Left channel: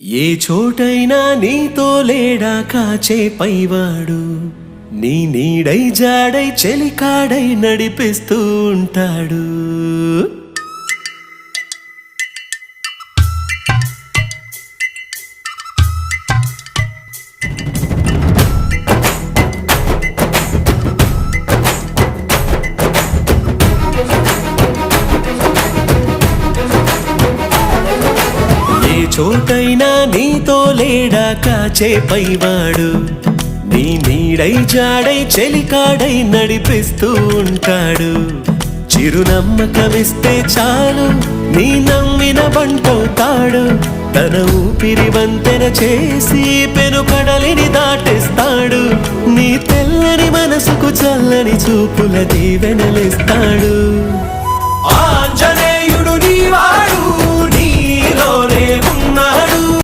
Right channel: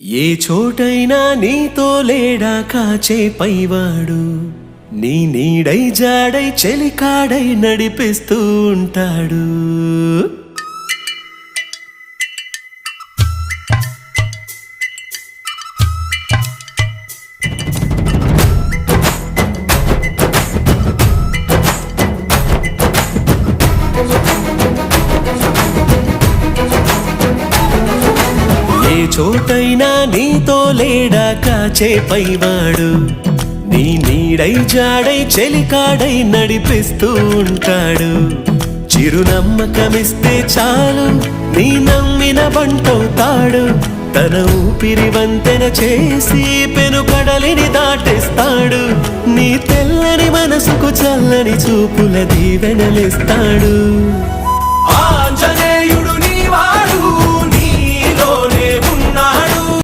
ఏ చోటైనా నీతో లేడా కాచే పైవాడు, నీ నీడై జాడై చెలికాడై నడిపిస్తూ ఉంటాడు. ఏ చోటైనా నీతో లేడా కాచే పైవాడు, నీ నీడై జాడై చెలికాడై నడిపిస్తూ ఉంటాడు. చిరునమ్మకమిస్తే చాలు నీ నమ్మిన బంటవుతాడు. తన ఊపిరి వంతెన చేసి పెను కడలిని దాటిస్తాడు. నీ తెల్లని మనసుకు చల్లని చూపుల దీవెనలిస్తాడు.